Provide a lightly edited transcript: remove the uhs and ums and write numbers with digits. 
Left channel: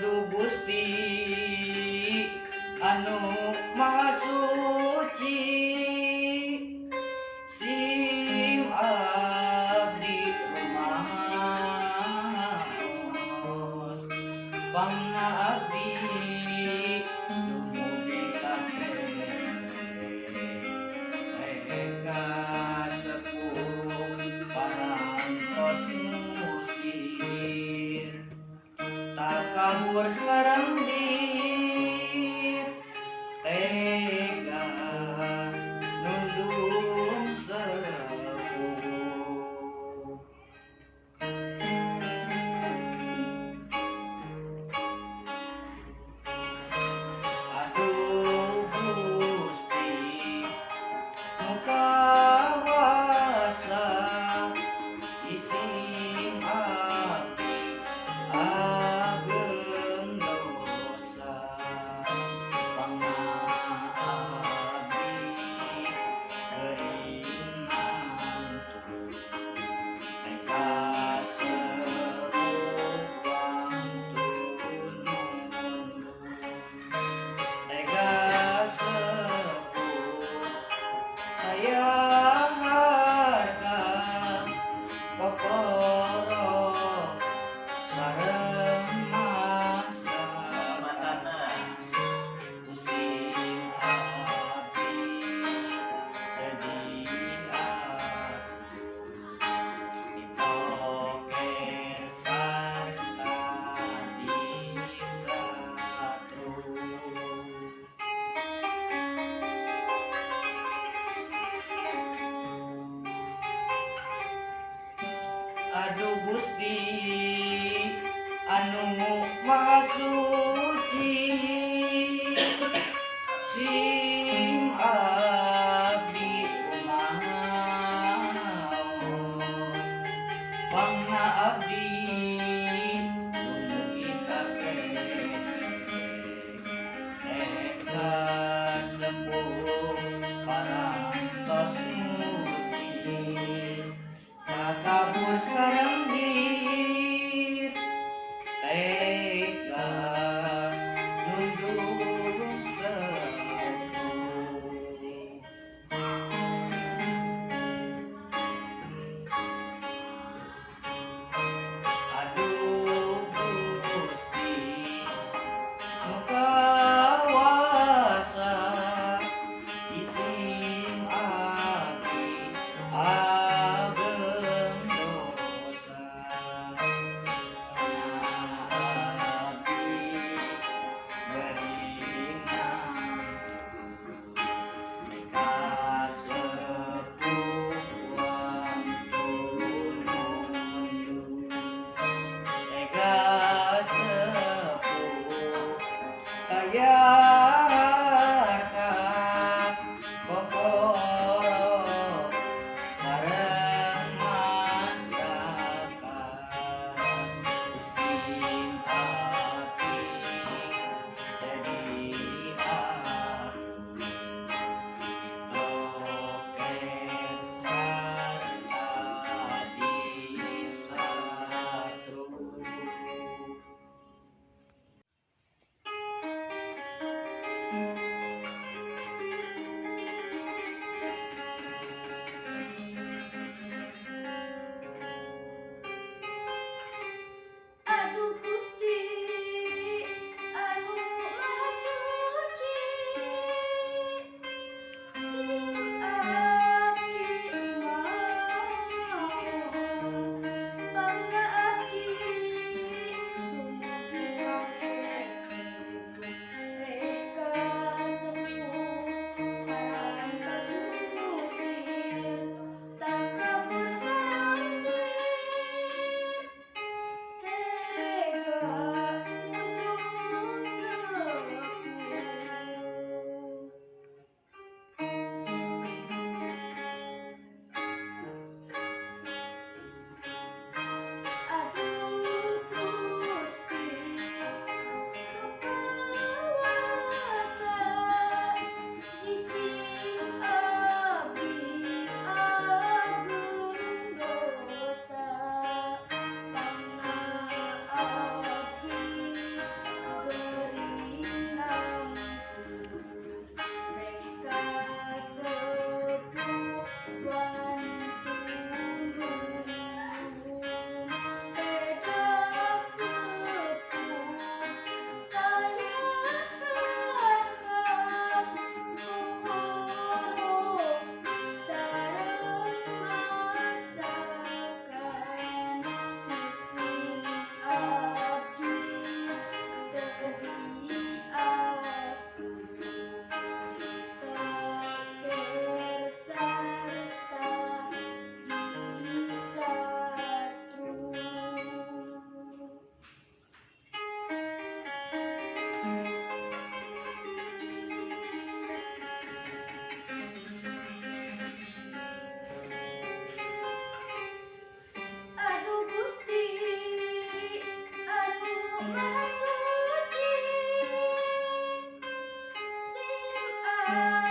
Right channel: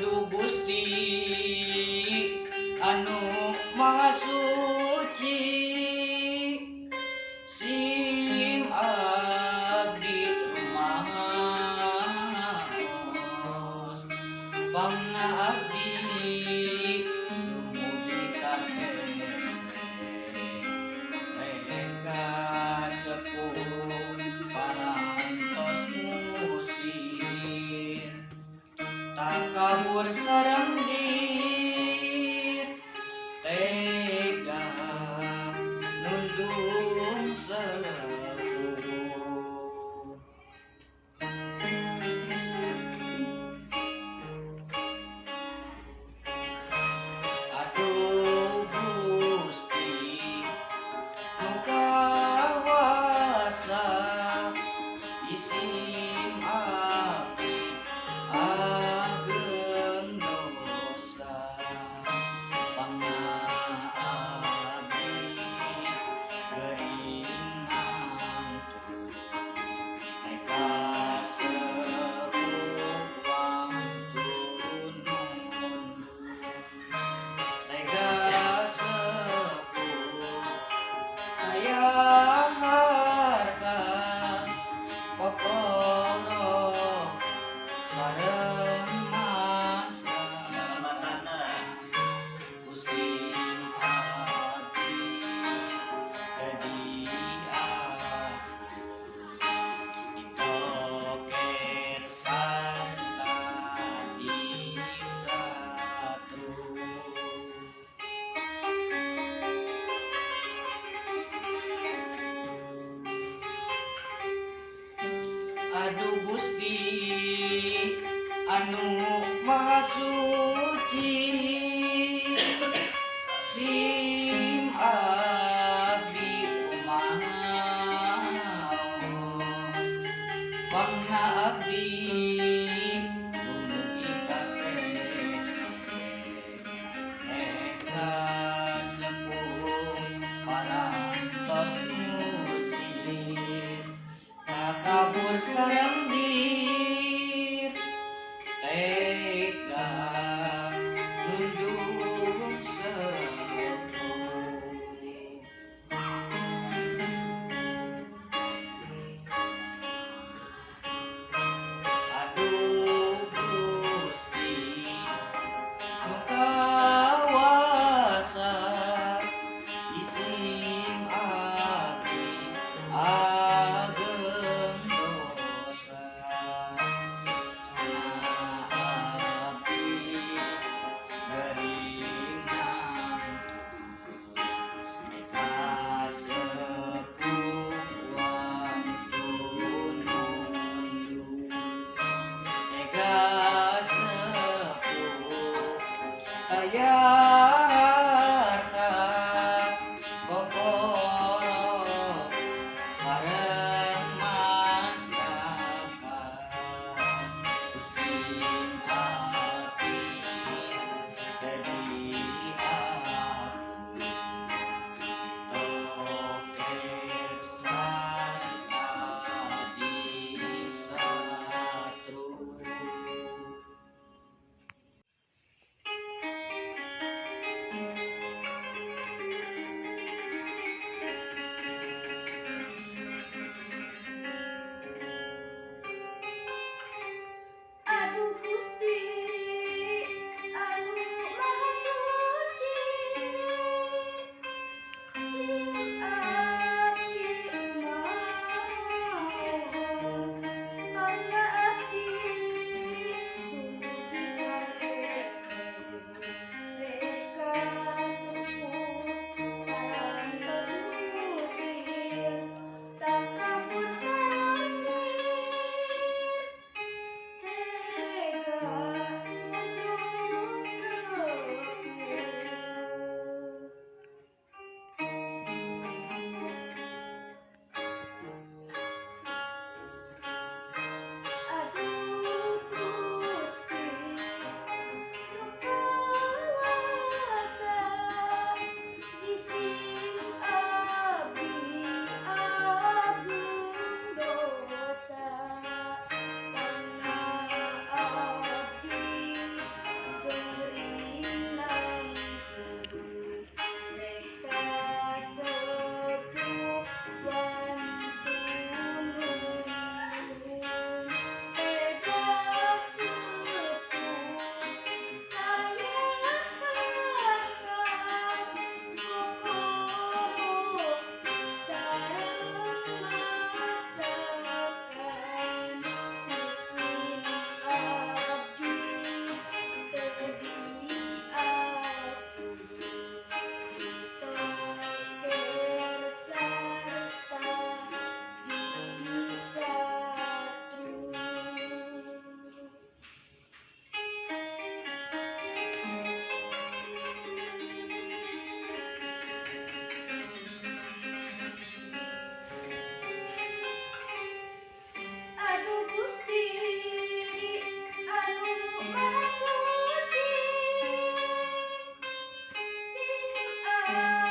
Aduh Gusti anu maha suci, sim abdi rumaos pangna abdi dumugi ka mereka sepuh parantos musir tak kabur sareng dir tega nundung sepuh. Aduh Gusti nu kawasa isim abdi ageng dosa pangna abdi geuring mantu mereka sepuh wantun mundur tega sepuh saya harta kokoro sareng masana kusim abdi kediaan ditoker sarta disatru. Aduh Gusti anu maha suci, sim abdi rumaos pangna abdi dumugi ka eta sepuh parantos musir kabur sareng dir tega nundung sepuh. Aduh Gusti nu kawasa isim abdi ageng dosa abdi geuring mantu mereka sepuh wantun mundur tega sepuh kaya harta kokoro sareng masyarakat kusim abdi kediaan ditoker sarta disatru. Bye.